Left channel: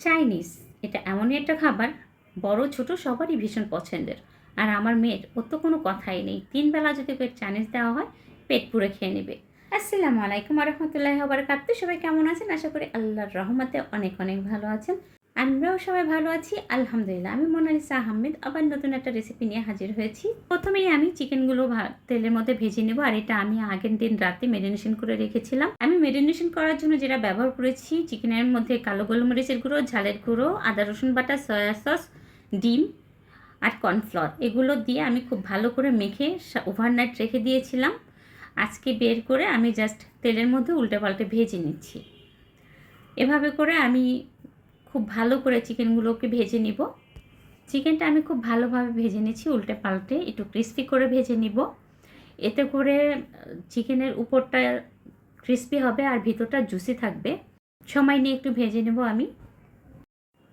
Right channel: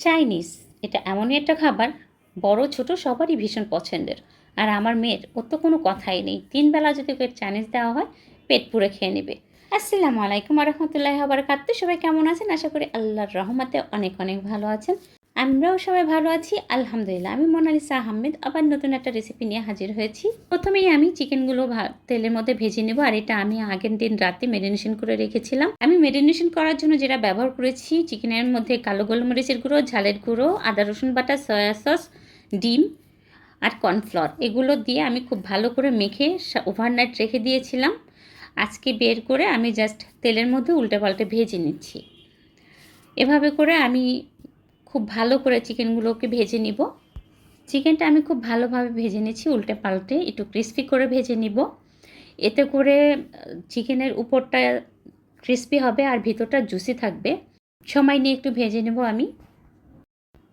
Chinese এটা এমনই একটা খাবার, বড় ছোট সবারই ভীষণ পছন্দের। আর আমার মেয়ের ওর তো কোনো কথাই নেই, 3 বেলা যদি ওকে চাইনিজ দেওয়া হয় পেট পুরে খেয়ে নেবে। আসসালামু আলাইকুম রহমতুল্লাহি ওয়া বারাকাতুহু। সবাই কেমন আছেন? আশা করি আল্লাহর রহমতে অনেক অনেক ভালো আছেন। আমরাও সবাই ভালো আছি আলহামদুলিল্লাহ। আমি মোনালিসা আহমেদ আবার নতুন একটা রেসিপি নিয়ে হাজির হয়েছি। প্রথমেই আমি চিকেনগুলো তেলের মধ্যে ভেজে নেব। আর এটা আমি আগের দিন রাতে মেরিনেশন করে রেখেছিলাম। আমি মেরিনেশন করার জন্য যেটা ব্যবহার করেছি, চিকেনের মধ্যে কালো গোলমরিচের গুঁড়ো, ঝালের গুঁড়ো, আদা রসুন বাটা, সয়া সস, ডিম আর কর্নফ্লাওয়ার, এগুলো দিয়ে আমি খুব ভালো করে মেখে ওভারনাইট রেখে দিয়েছিলাম। আজকে বের করে আমি জাস্ট তেলের মধ্যে উল্টে পাল্টে ভেজে নিচ্ছি। এভাবে করে আমি খুব ভালো করে চিকেনগুলোকে ভেজে নিব। চিকেনটা আমি খুব ভালোভাবে ভেজে নিচ্ছি, উল্টে পাল্টে একটু ক্রিস্পি করে ভেজে নিব। এতে করে চিকেনের উপরটা ক্রিস্পি হবে আর ভিতরটা জুসি থাকবে। সময় নিয়ে একটু ভেজে নেব আমি।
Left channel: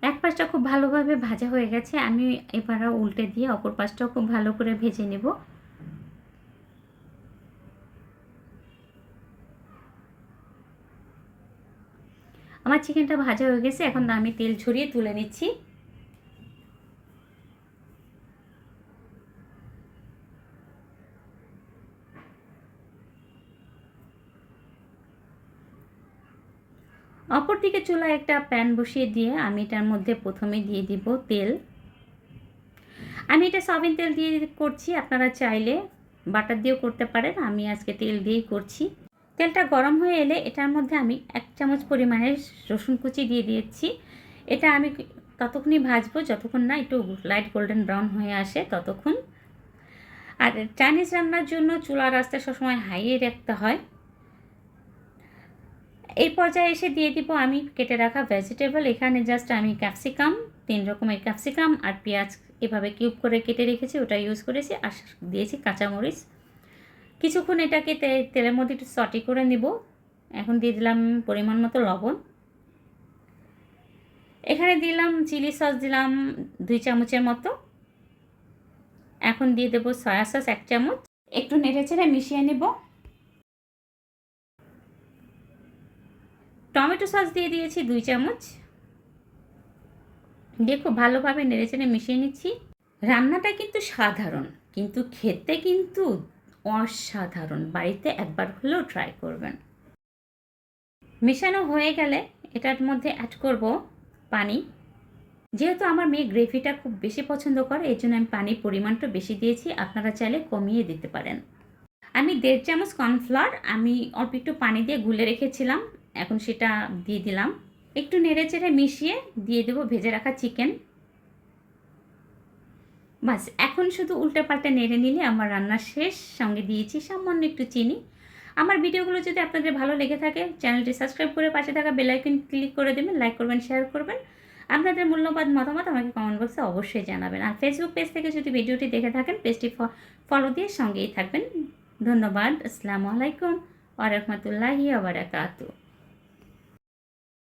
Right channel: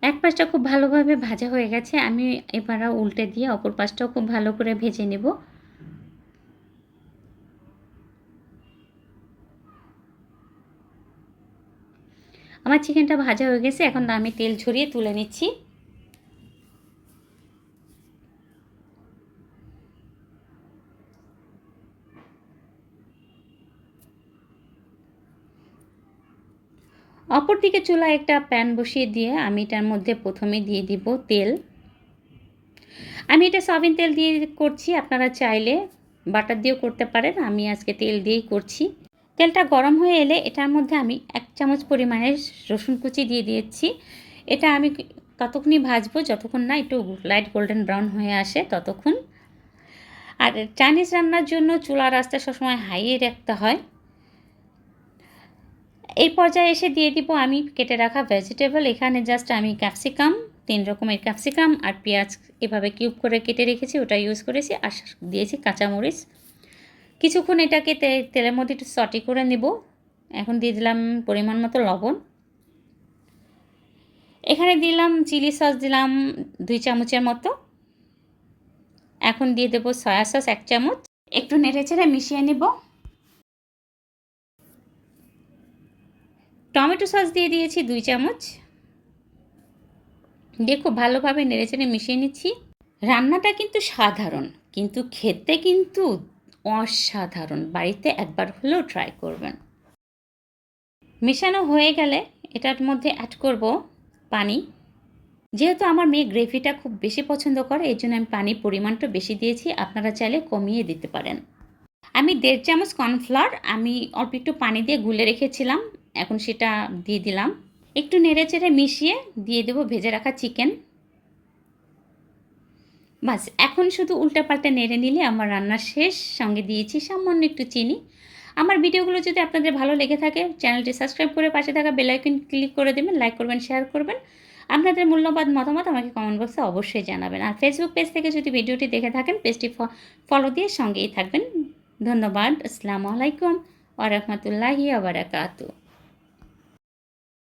এক পাশটা খুব ভালোভাবে ভাজা হয়ে গেছে, আমি এবার উল্টে দিয়ে অপর পাশটাও খুব ভালো করে ভেজে নেব। আমার চিকেনটা ভাজা হয়ে গেছে, এখন আমি তেল ঝরিয়ে তুলে নিচ্ছি। অপরদিকে চুলায় একটা প্যান বসিয়ে দিয়ে আমি এটার মধ্যে প্রথমে দিয়ে দিব তেল। আমি এটা সয়াবিন তেল দিয়ে করছি, আপনারা চাইলে বাটার দিয়েও করতে পারেন। আমি আজকে তেল দিয়েই করছি। তেলটা গরম হয়ে এলে এটার মধ্যে আমি 1 চামচ পরিমাণে রসুন কুচি দিয়ে দিয়েছি। এটা আমি ততক্ষণই ভাজবো যতক্ষণ না একটু লাইট গোল্ডেন ব্রাউন হয়ে আসে ততক্ষণ। আর চাইনিজ রান্নার জন্য চুলার আঁচটা সবসময় হাইয়ে রাখতে হয়। এই পর্যায়ে এসে দিয়ে দিব আমি কেটে রাখা ভেজিটেবল। এখানে জাস্ট আমি ক্যাপসিকাম, 3 রকমের ক্যাপসিকাম আর পেঁয়াজ এভাবে কিউব করে কেটে রেখেছি, ওটা ইউজ করেছি। আর দিয়েছি কাঁচামরিচ। কিছুক্ষণ এটাকে তেলের মধ্যে একটু সটে করে নেব। এখন দিয়ে দিলাম পরিমাণ মতো লবণ। এখানে দিলাম চিলি সস, দিলাম 2 চামচের মতো। এখন দিয়ে দেবো সয়া সস 1 চামচ। একটু নেড়েচেড়ে মিশিয়ে নেব। টমেটো সস দিয়ে দিয়েছি 2 চামচ। দিয়ে খুব ভালোভাবে নেড়েচেড়ে মিশিয়ে নিচ্ছি। রান্নাটা কিন্তু সাধারণ, কিন্তু খেতে কিন্তু অসাধারণ। বাড়িতে একবার হলেও ট্রাই করবেন। মেশানো হয়ে গেলে এটার মধ্যে অ্যাড করব পানি। যেহেতু আমার মেয়ে গ্রেভিটা খুব বেশি পছন্দ করে, এই জন্য আমি পানির পরিমাণটা বেশি দিয়েছি। আপনারা চাইলে কমিয়ে দিতে পারেন। আমি 1.5 চামচ কর্নফ্লাওয়ার আমি অল্প একটু পানি দিয়ে গুলে রেখেছিলাম, এখন সেটা দিয়ে দিলাম। একটু নেড়েচেড়ে মিশিয়ে দিয়ে দেবো ভেজে রাখা চিকেন। বাস, এখন শুধু উল্টে পাল্টে নেড়ে নিলে আমার রান্না শেষ। সঙ্গে দিয়েছি সামান্য একটু চিনি। আমার ভিডিওগুলো যদি আপনাদের ভালো লেগে থাকে, চ্যানেলটি সাবস্ক্রাইব করে পাশে থাকা বেল আইকন ক্লিক করে দেবেন, লাইক করবেন, শেয়ার করবেন। আপনাদের মূল্যবান মতামত আমাকে কমেন্ট বক্সে অবশ্যই জানাবেন। আর ফেসবুক পেজ থেকে যদি ভিডিওটি দেখে থাকেন, পেজটি ফলো দিয়ে সঙ্গেই থাকবেন। ধন্যবাদ। আসসালামু আলাইকুম ওয়া রাহমাতুল্লাহি ওয়া বারাকাতুহু।